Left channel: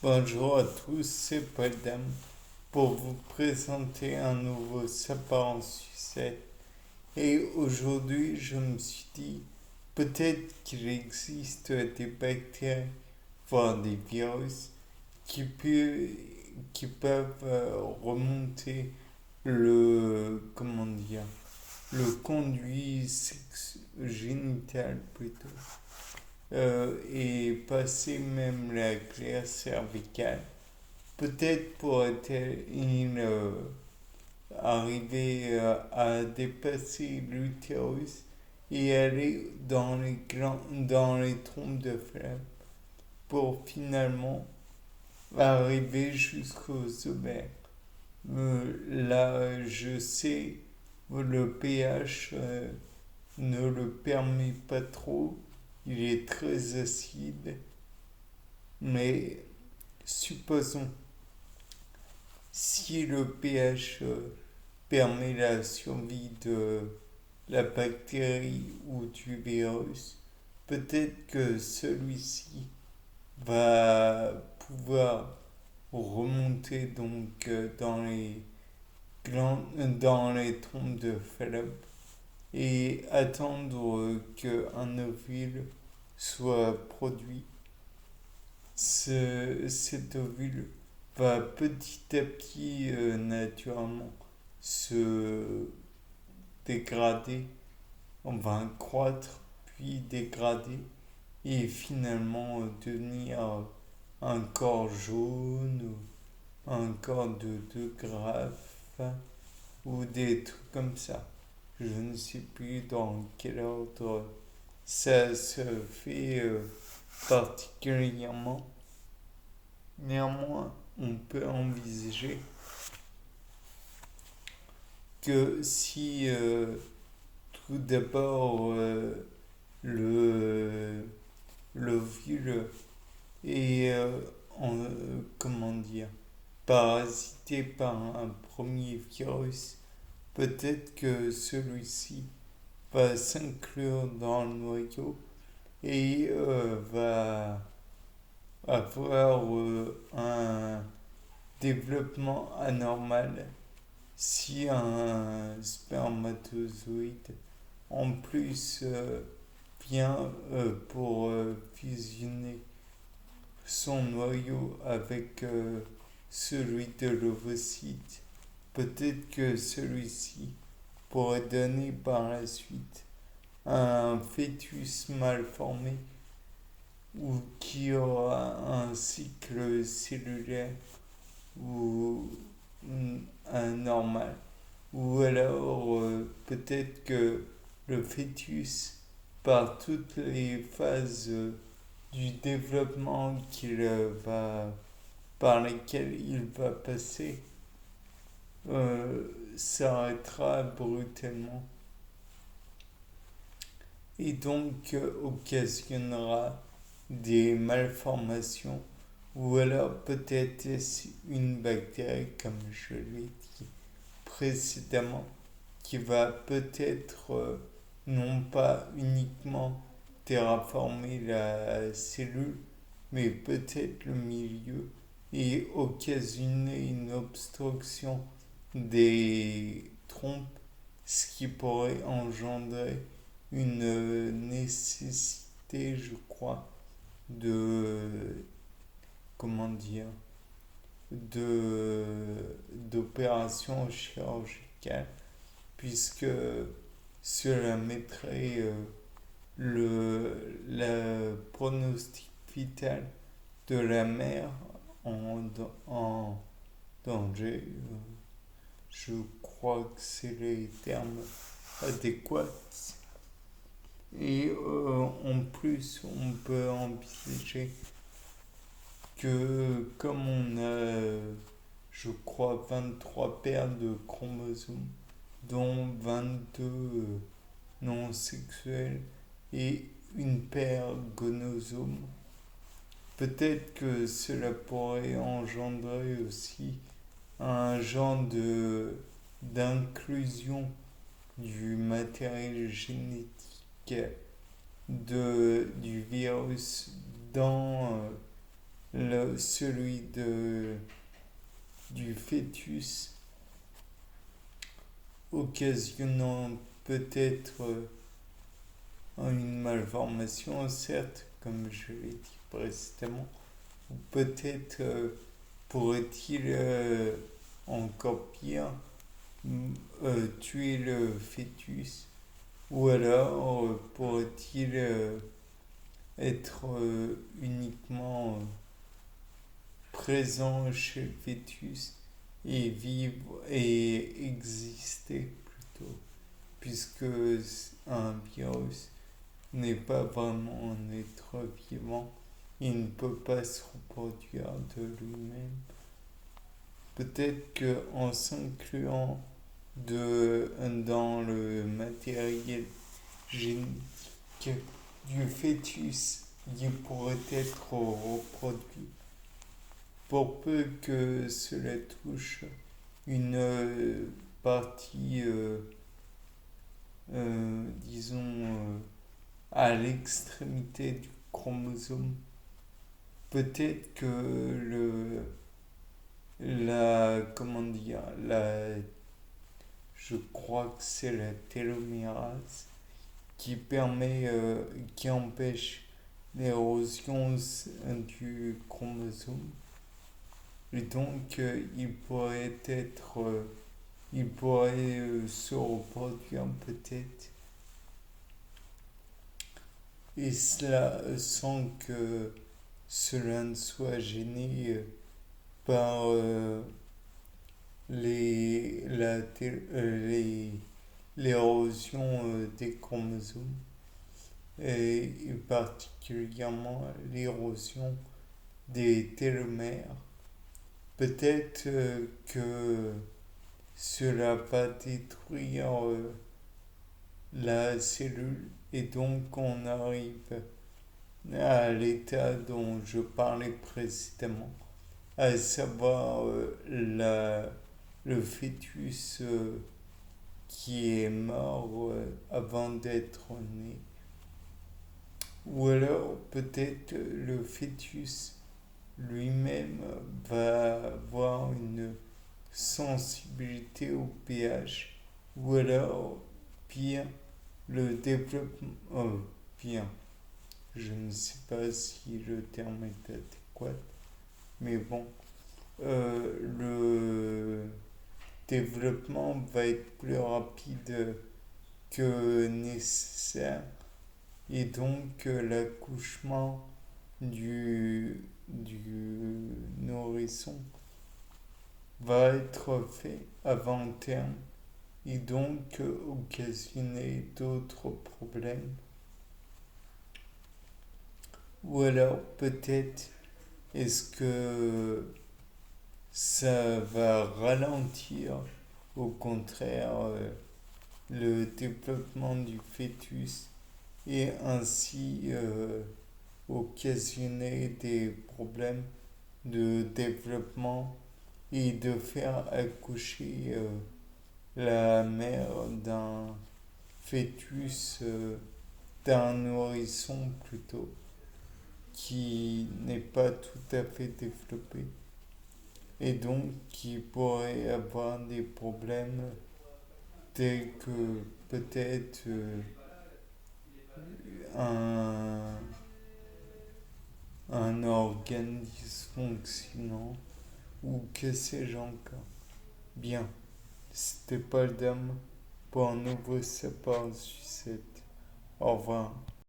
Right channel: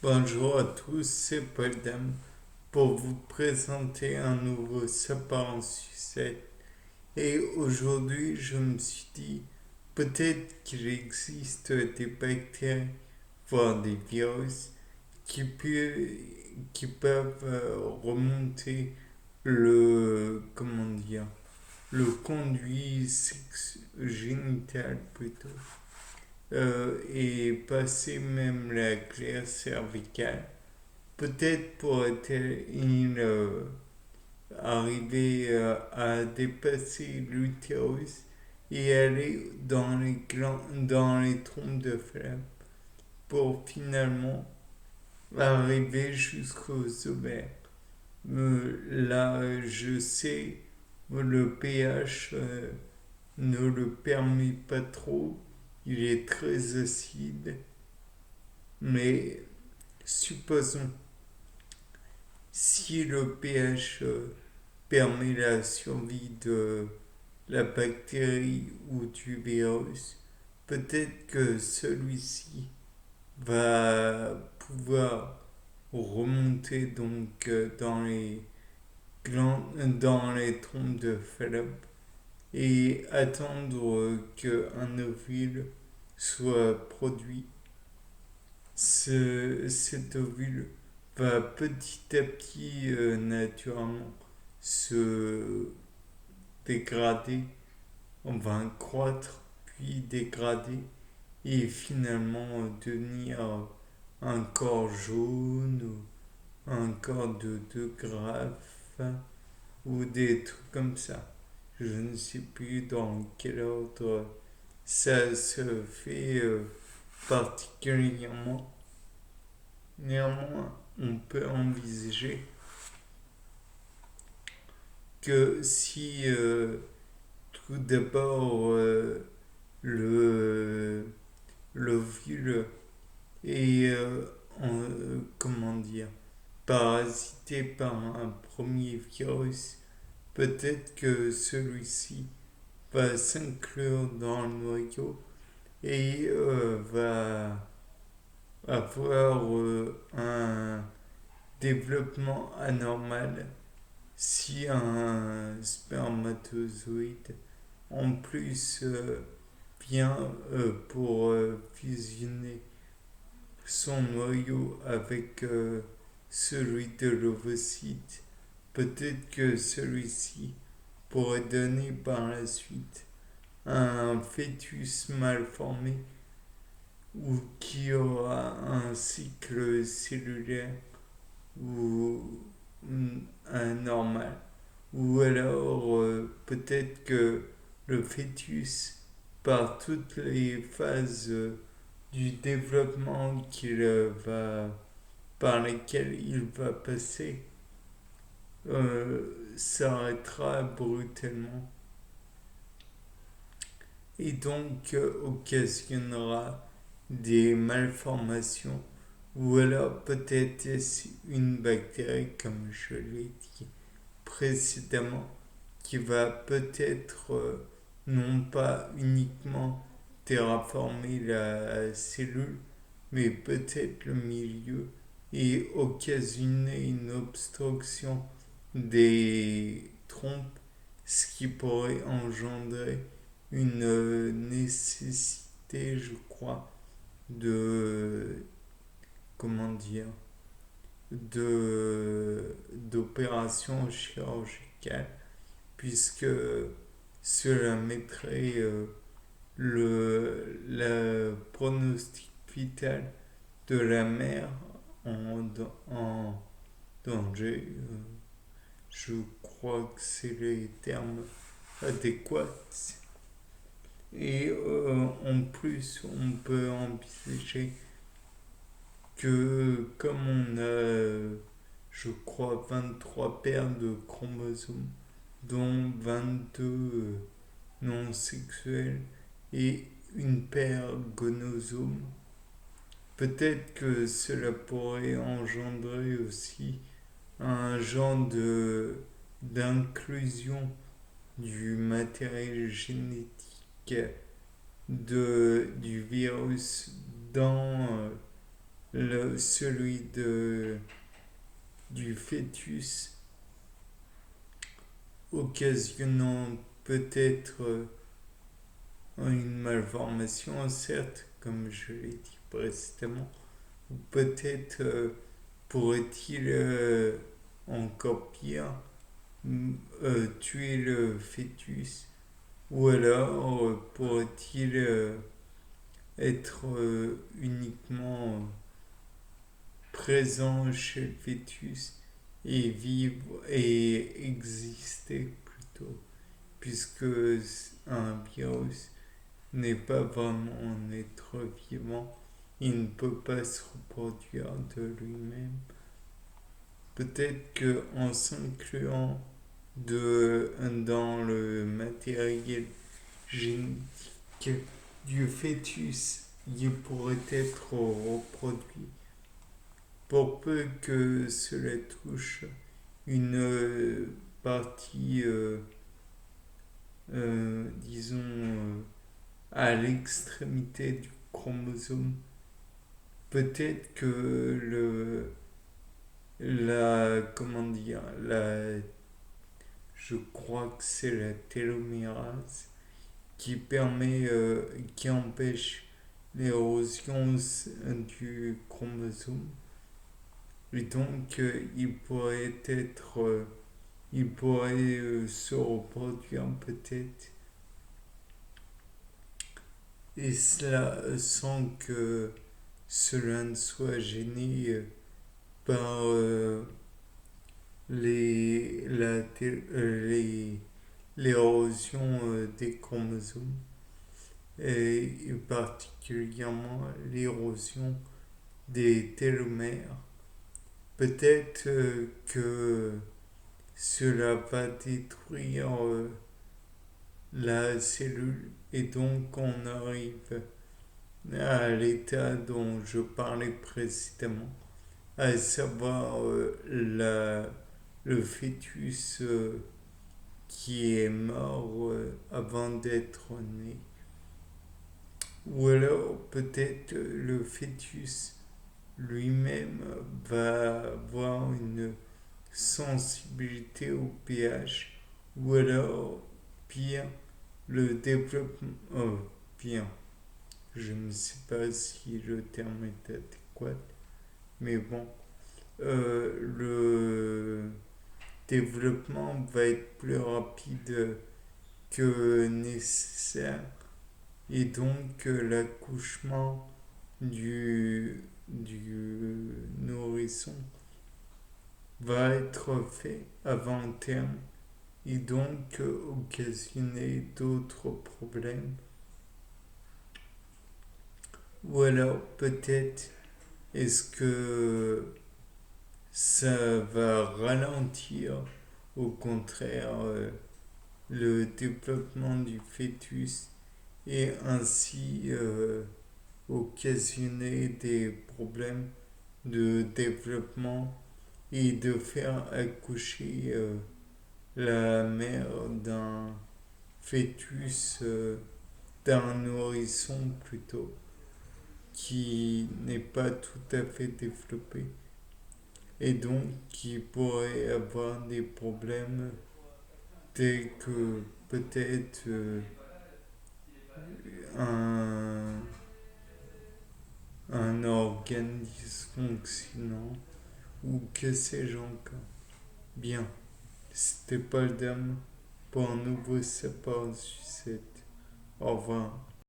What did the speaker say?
Bonjour à tous, c'est Paul Dam pour vous présenter un nouveau sapin en sucette. Et aujourd'hui, je me suis dit, peut-être qu'il existe des bactéries, voire des virus, qui peuvent remonter comment dire, le conduit génital plutôt, et passer même la glaire cervicale. Peut-être pourrait-il arriver à dépasser l'utérus et aller dans les trompes de flamme pour finalement arriver jusqu'aux ovaires. Là, je sais, le pH ne le permet pas trop, il est très acide, mais supposons si le pH permet la survie de la bactérie ou du virus, peut-être que celui-ci va pouvoir remonter donc dans les trompes de Fallope et attendre qu'un ovule soit produit. Cet ovule va petit à petit naturellement se dégrader, on va croître, puis dégrader, et finalement devenir un corps jaune, ou un corps de 2 graphes, ou des trucs comme ça. Je ne sais plus dans quel ordre ça se fait particulièrement. Néanmoins, on peut envisager que si tout d'abord le l'ovule est comment dire parasité par un premier virus, peut-être que celui-ci va s'inclure dans le noyau et va avoir un développement anormal si un spermatozoïde en plus vient pour fusionner son noyau avec celui de l'ovocyte, peut-être que celui-ci pourrait donner par la suite un fœtus mal formé ou qui aura un cycle cellulaire ou anormal. Ou alors peut-être que le fœtus, par toutes les phases du développement par lesquelles il va passer, s'arrêtera brutalement et donc occasionnera des malformations ou alors peut-être une bactérie comme je l'ai dit précédemment qui va peut-être non pas uniquement terraformer la cellule mais peut-être le milieu et occasionner une obstruction des trompes, ce qui pourrait engendrer une nécessité, je crois, de, comment dire, d'opération chirurgicale, puisque cela mettrait le pronostic vital de la mère en danger. Je crois que c'est les termes adéquats. Et en plus, on peut envisager que comme on a, je crois, 23 paires de chromosomes, dont 22 non sexuels et une paire gonosome, peut-être que cela pourrait engendrer aussi un genre d'inclusion du matériel génétique du virus dans celui du fœtus, occasionnant peut-être une malformation, certes, comme je l'ai dit précédemment, ou peut-être pourrait-il encore pire tuer le fœtus, ou alors pourrait-il être uniquement présent chez le fœtus et vivre et exister plutôt, puisque un virus n'est pas vraiment un être vivant, il ne peut pas se reproduire de lui-même. Peut-être qu'en s'incluant dans le matériel génétique du fœtus, il pourrait être reproduit. Pour peu que cela touche une partie, disons, à l'extrémité du chromosome, peut-être que comment dire, je crois que c'est la télomérase qui empêche l'érosion du chromosome. Et donc, il pourrait se reproduire peut-être, et cela sans que cela ne soit gêné par l'érosion des chromosomes, et particulièrement l'érosion des télomères. Peut-être que cela va détruire la cellule et donc on arrive à l'état dont je parlais précédemment, à savoir le fœtus qui est mort avant d'être né. Ou alors peut-être le fœtus lui-même va avoir une sensibilité au pH, ou alors pire, le développement, pire, je ne sais pas si le terme est adéquat, mais bon, le développement va être plus rapide que nécessaire, et donc l'accouchement du nourrisson va être fait avant terme, et donc occasionner d'autres problèmes. Ou alors peut-être est-ce que ça va ralentir au contraire le développement du fœtus, et ainsi occasionner des problèmes de développement et de faire accoucher la mère d'un fœtus, d'un nourrisson plutôt, qui n'est pas tout à fait développé, et donc qui pourrait avoir des problèmes tels que peut-être un, un organe dysfonctionnant, ou que sais-je encore. Bien, c'était Paul Dame pour un nouveau Sapin Sucette. Au revoir.